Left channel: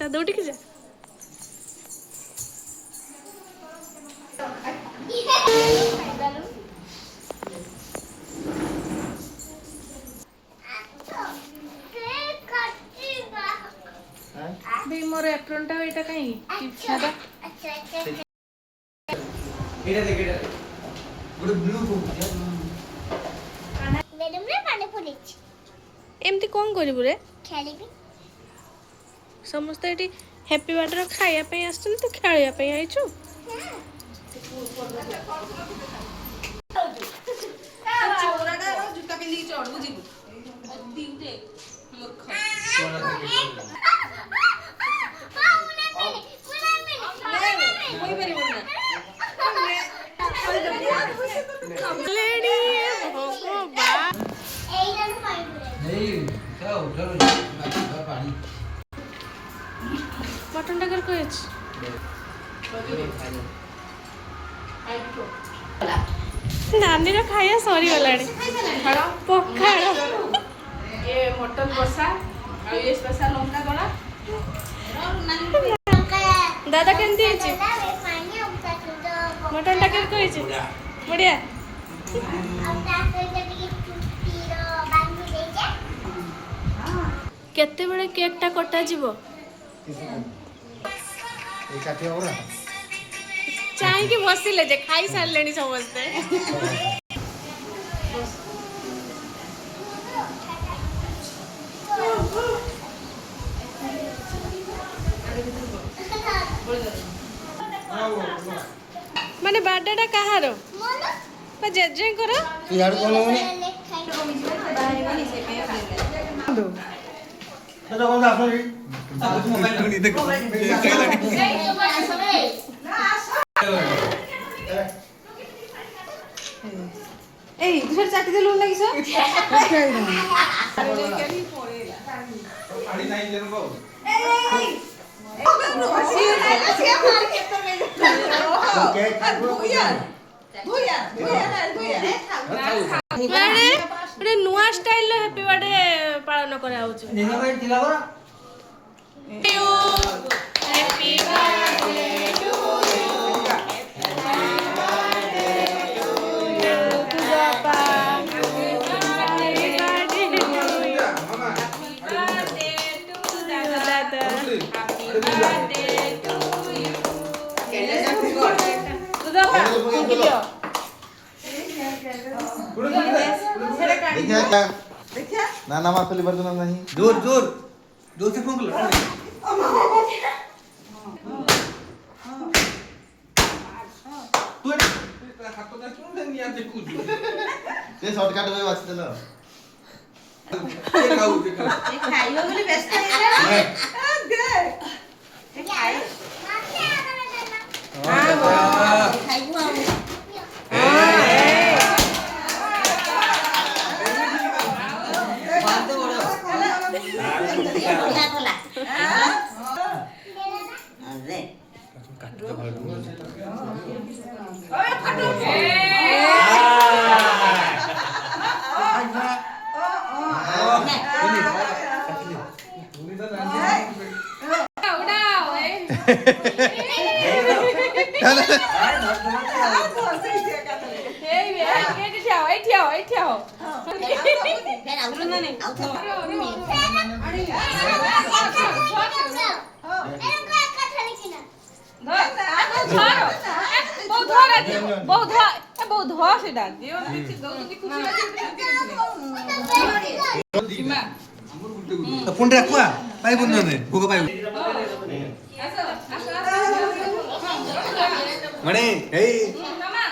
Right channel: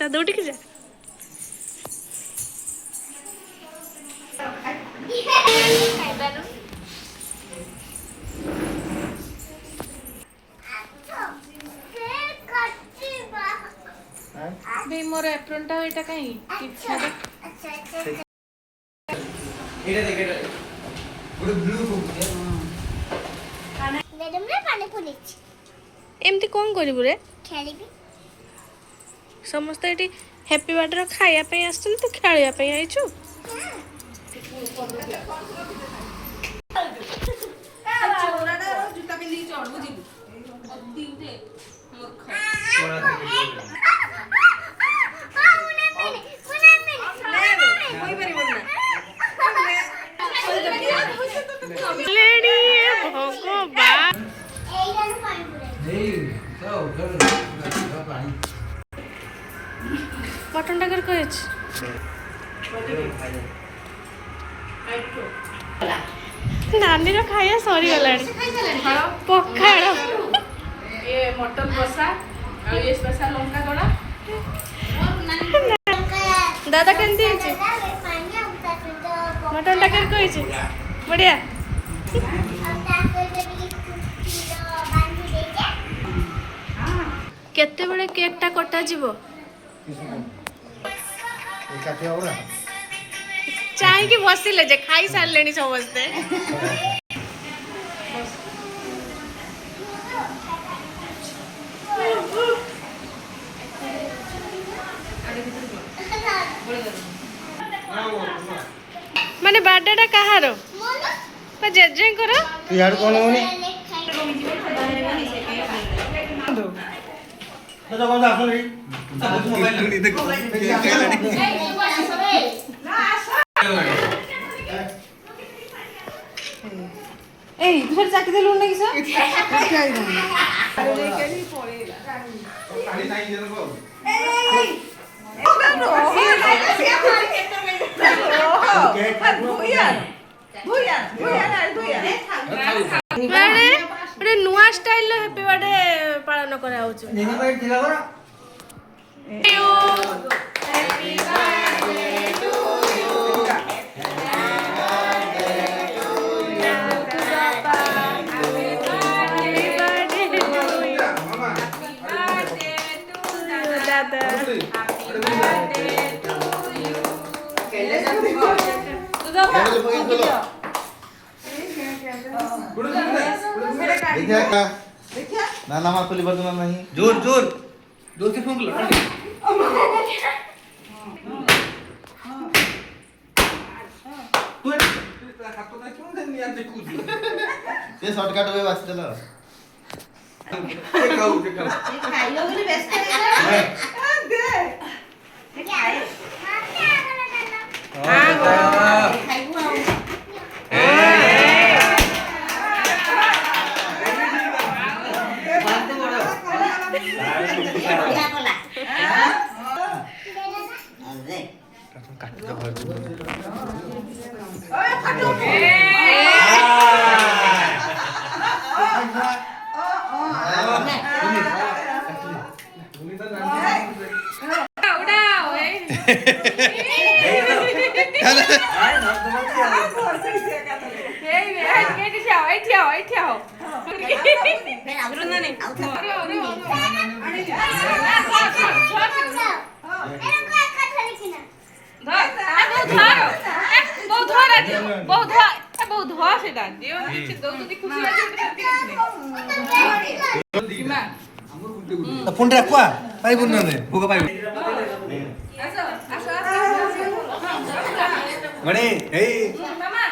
ତା ଦୌଡ଼ିକି ଯା। मोर एप्रोनटा एटा कहीं किछादा एटा देख एटा गुड ब्लू बुक मैडम ने पानी पुलिच एमती कौन करिबु रे? खेलिबी समस्त एटी हैप्पी बर्थडे खाया पे आछन तू खेलिया पे आइछु। चोराडा जूता पिंदी चढ़बु जीबु दिउते मूर्ख लेडी भगवान मटन टाकर कहिछ नानी रो खाया सरी गलानी पखाड़ ये मटन कषा आ ये स्पेशल लंका दड़ा दादा केंती हिची मटन टाकर कहिछ बढ़िया केते बळे केक टा कटा जीवो चाय की बसिले जे खाई सारलेनी समझते माने बर्थडे टा कहार जेजे करो यार कोन होनी दादा कोन आसो रे मोबाइल देखो ए दूसर चाकी दे लोन लगी सर पानी नहीं देन को बड़े नुआ स्टाइल लो हैप्पी बर्थडे पालन करा होछ नहीं भाई दिला बरा हैप्पी बर्थडे टू यू दादा ना ना मां पुली बदना नहीं जोर जोर जोर से फूंक लो तू हाथ तो नहीं छोड़ दे नहीं आते कुछ ये शॉर्टकट में बस चलो ये खाओ ये खाइयो बोली व्यस्त है दे खाए खाइबो आ फोन रखवा पाई बोल ने भूख पाई मणे हे मामा